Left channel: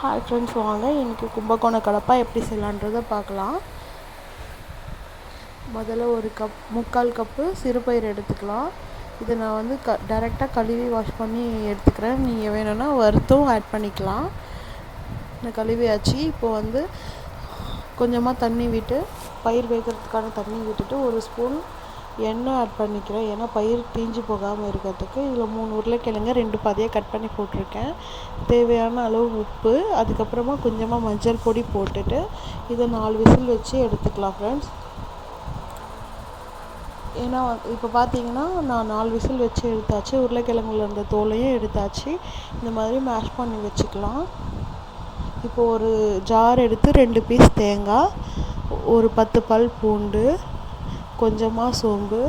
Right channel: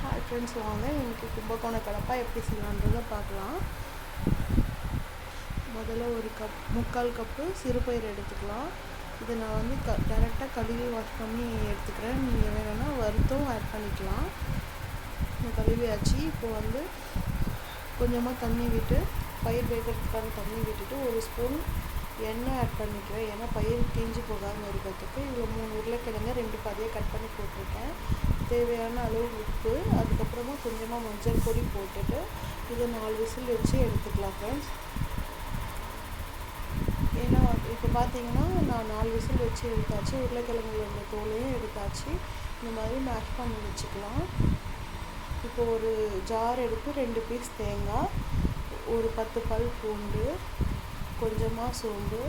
Hi friends வாங்க இன்றைக்கி கும்பகோண கடப்பா எப்படி செய்யலான்றதை பார்க்கலாம். முதல்ல ஒரு கப் முக்கால் கப்பு சிறுபயிர் எடுத்துக்கலாம். இதை நான் வந்து க டைரெக்டாக கழுவி வாஷ் பண்ணி எடுத்துக்கிறேன். நீங்கள் வேணும்னா வறுத்தும் ஆட் பண்ணிக்கலாம். நான் கழுவியாச்சு இப்போ வந்து கொஞ்சமாக தண்ணி விட்டு பயிர் வேகிறதுக்கான தண்ணி விட்டுட்டு ஒரு ஸ்பூன் எண்ணெய் ஆட் பண்ணிக்கிறேன்? ஏன்னா பயிர் தீஞ்சு போகாமல் இருக்கிறதுக்கு இதில் மூணு உருளைக்கிழங்கு ரெண்டு பாதியாக கட் பண்ணி போட்டிருக்கேன். தேவையான அளவு உப்பு அதுக்கப்புறமா கொஞ்சமாக மஞ்சள் பொடி போட்டுட்டு இதை நாலு விசில் வச்சு எடுத்துக்கலாம் ஃப்ரெண்ட்ஸ் ஏன்னா இப்போ பார்த்தீங்கன்னா நான் நாலு விசில் வச்சு எடுத்தாச்சு. உருளைக்கிழங்குல இருந்த தோலையும் எடுத்தாச்சு. இந்த மாதிரி மேஷ் பண்ணி வச்சுக்கலாம். இப்போ ஒரு ஜார் எடுத்து ரெண்டு பீஸ் தேங்காய் ஒரு பத்து பல் பூண்டு கொஞ்சமாக சோம்பு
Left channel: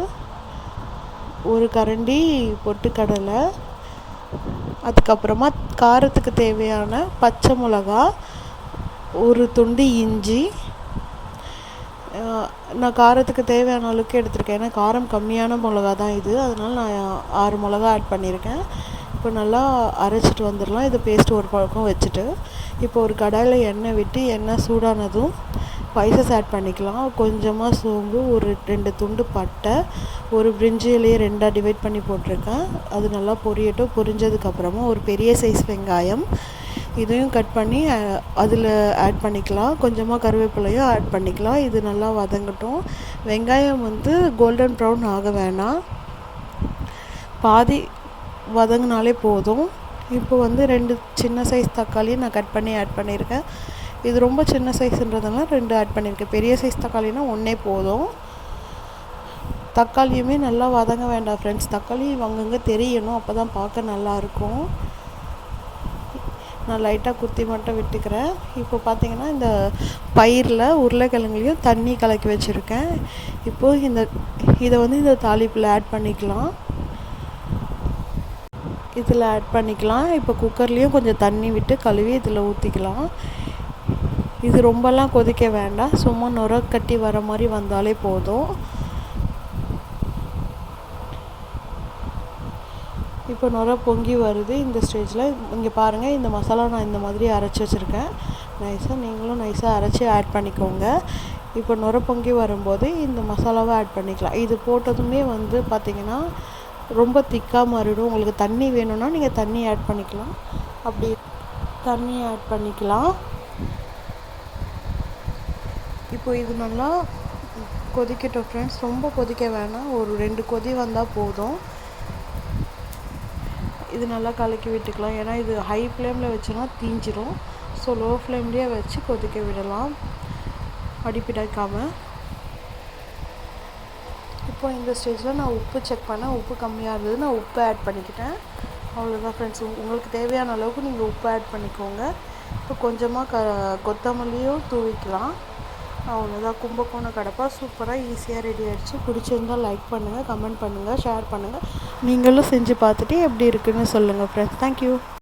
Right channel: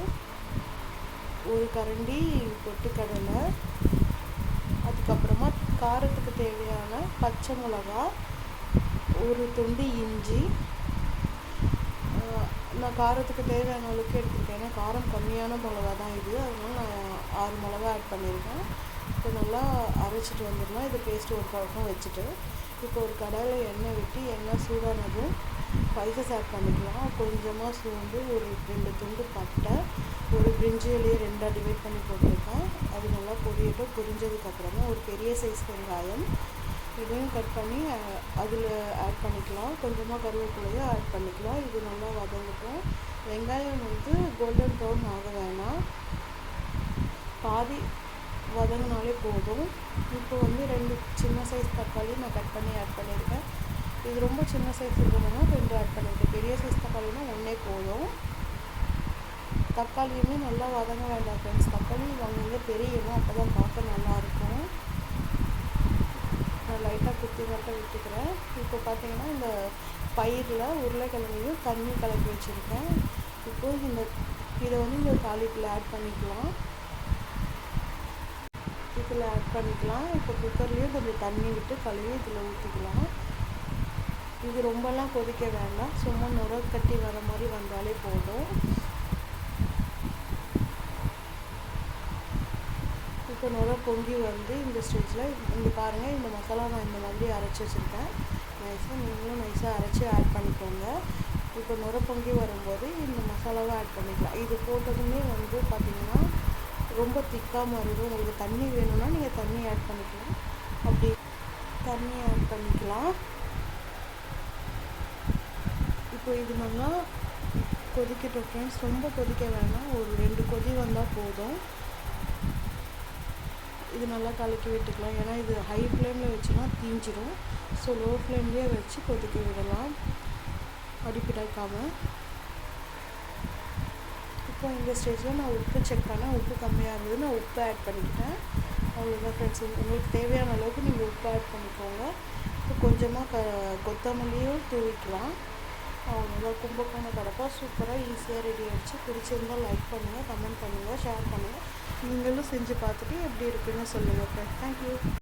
ஒரு கரண்டி பொட்டுக்கடலை அதுக்கப்புறமா காரத்துக்கு தேவையான பச்சை மிளகா ஒரு துண்டு இஞ்சி. நான் காரத்துக்கு தேவையான அளவுக்கு எடுத்திருக்கேன். ஏன்னா காரம் கம்மியான மிளகா தான் இது. அதனால் நான் ஆறு மிளகா ஆட் பண்ணியிருக்கேன். இப்போ நல்லா அரைச்சிட்டு வந்துடலாம். இதை பேஸ்ட் ஒரு பழக்கம் வச்சுட்டு. இப்போ ஒரு கடாயில் எண்ணெய் விட்டு எண்ணெய் சூடானதும் ஸ்பைசஸ் ஆட் பண்ணிக்கலாம். கொஞ்சமாக சோம்பு ஒரு ரெண்டு துண்டு பட்டை ஒரு பிரிஞ்சிலேயே ரெண்டாக டிவைட் பண்ணி போட்டிருக்கேன். அது நல்லா பொரியட்டும். பொரிஞ்சதுக்கப்புறமா ஒரு பெரிய சைஸ் வெங்காயம் இதையும் கட் பண்ணி அதில் ஆட் பண்ணிக்கலாம். கொஞ்சமாக கருவேப்பிலையும் ஆட் பண்ணிக்கலாம். இது நல்லா வதங்கட்டும். வெங்காயம் வந்து கோல்டன் ப்ரௌன் ஆக வேணாம். பாதி வதங்கினாலே போதும். இப்போ வந்து ரெண்டு சின்ன சைஸ் தக்காளியும் நான் கட் பண்ணி ஆட் பண்ணியிருக்கேன். இது ரொம்ப சின்ன சைஸ்ன்றதுனால ரெண்டு ஆட் பண்ணியிருக்கேன். பெரிய சைஸ் தக்காளினா ஒன்றே போதும். தக்காளியுமே நல்லா வதங்க வேண்டாம் ஃப்ரெண்ட்ஸ் தக்காளி அங்கங்கே தெரியணும். அப்போ தான் பார்க்க நல்லாயிருக்கும் நான் லைட்டாக குத்தி மட்டும் விட்டுக்கிறேன். இப்போ பார்த்தீங்கன்னா இந்த பயிரில் உருளைக்கிழங்குலையும் தண்ணி கலக்கி வச்சுருக்கேன். இப்போது இந்த இதை வந்து இந்த தாளிப்பில் ஆட் பண்ணிக்கலாம். இதில் ஆட் பண்ணிக்கலாம். இப்போ குக்கர்லேயும் கொஞ்சம் தண்ணி விட்டு கழுவி இதில் ஊற்றிக்கலாம் இது ரொம்பலாம் கொதிக்க வேண்டாம். சும்மா நுர கட்டி வர மாதிரி வந்தாலே போதும். இப்போ நுர பொங்கி வருது. இந்த ஸ்டேஜில் இங்கே பாருங்கள் இந்த மசாலா நான் இந்த மாதிரி அரைச்சி வச்சுருக்கேன். நைஸாக நீங்களும் நைஸாக அரைச்சி ஆட் பண்ணிக்கோங்க. இப்போ நுர பொங்கி வரும்போது இந்த மசாலாவை ஆட் பண்ணிக்கலாம். இது போட்டதுமே வந்து பார்த்திங்கன்னா ரொம்ப திக்காக மாறிடும். உங்களுக்கு தண்ணி வேணும்னா நீங்கள் தண்ணி ஆட் பண்ணிக்கலாம். அப்படி தண்ணி ஆட் பண்ணிக்கலாம். இப்போ இது நல்லா கொதிக்கட்டும் ஃப்ரெண்ட்ஸ் ரொம்ப கொதிக்க வேணாம். ஒரு ரெண்டு கொதி வந்தால் போதும். இது நல்லா கலக்கி விட்டுக்கலாம். ஏன்னா இது ஹை ஃப்ளேமில் வச்சோன்னா தீஞ்சிரும். ஸோ லோ ஃப்ளேம்லேயே வச்சு கொதிக்க விடலாம். அடிப்பிடாக்காமல் இப்போ இந்த ஸ்டேஜில் நான் உப்பு செக் பண்ணேன். உப்பு கம்மியாக இருந்தது. நான் உப்பு ஆட் பண்ணிக்கிட்டேன். அவ்வளோதான் ஃப்ரெண்ட்ஸ் உங்களுக்கு தேவையான அளவுக்கு நீங்கள் உப்பு ஆட் பண்ணிக்கோங்க. இப்போ கொஞ்சமாக க கொத்தமல்லியும் தூவிக்கலாம். அவ்வளோதான் கும்பகோணம் கடப்பா. சூப்பராக ஈஸியாக ரெடி ஆகிடுச்சு பிடிச்சிருந்தால் லைக் பண்ணுங்கள் கமெண்ட் பண்ணுங்கள் ஷேர் பண்ணுங்கள் நீங்களும் செஞ்சு பார்த்துட்டு எப்படி இருக்குன்னு சொல்லுங்கள் ஃப்ரெண்ட்ஸ் தேங்க்யூ